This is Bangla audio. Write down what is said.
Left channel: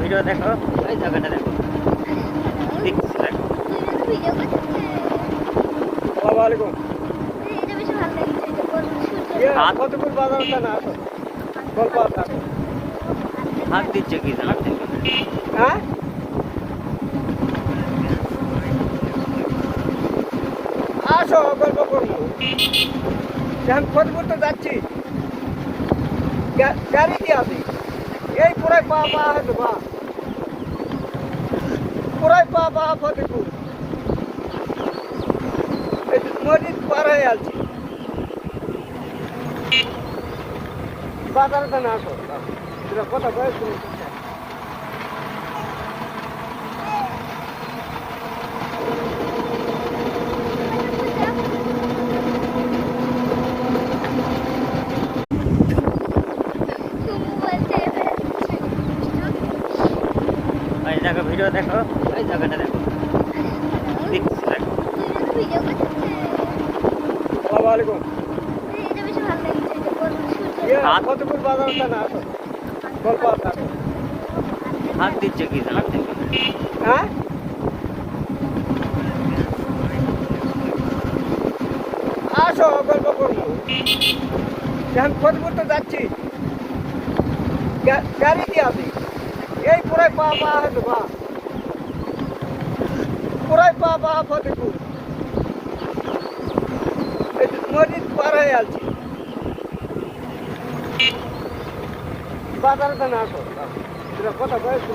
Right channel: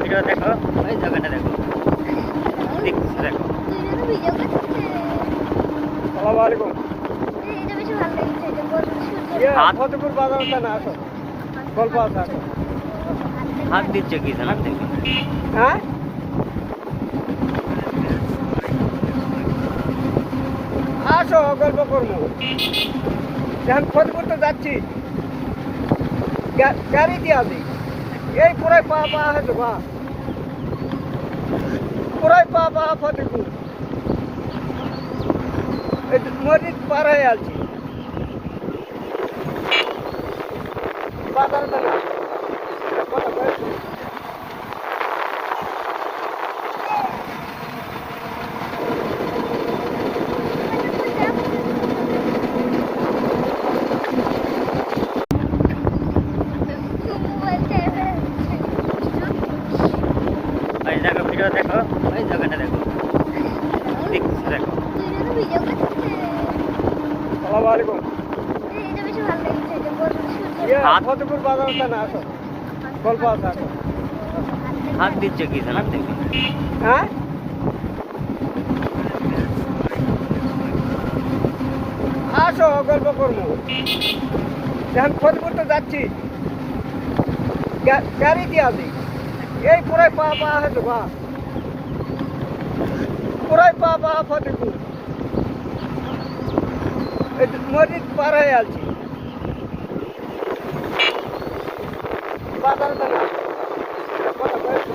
ভিডিও দেখো, ওই জায়গাটা দেখো, দেখছো দেখো। আসসালামু আলাইকুম। ফতেপুর বাজারটা না আসো, গল্প আছে আসো। হাত দিচ্ছে কি জানো? হ্যাঁ আসো, গল্প করবো। এখন ফতেপুর তো যাচ্ছি, গাড়ি দিয়ে আসি। এই পুরাই পা পা হয়তো পা, পুরাই পা পা ফতেপুর। এই মসজিদ পার হয়ে আসছি, বাজারটা না আসো। কথা বয়স ওই জায়গা ভিডিও দেখো, ওই জায়গাটা দেখো, দেখছো দেখো। আসসালামু আলাইকুম। ফতেপুর বাজারটা না আসো, গল্প আছে আসো। হাত দিচ্ছে কি জানো? হ্যাঁ আসো, গল্প করবো। এখন ফতেপুর তো যাচ্ছি, গাড়ি দিয়ে আসি। এই পুরাই পা পা হয়তো পা, পুরাই পা পা ফতেপুর। এই মসজিদ পার হয়ে আসছি, বাজারটা না আসো। কথা বয়স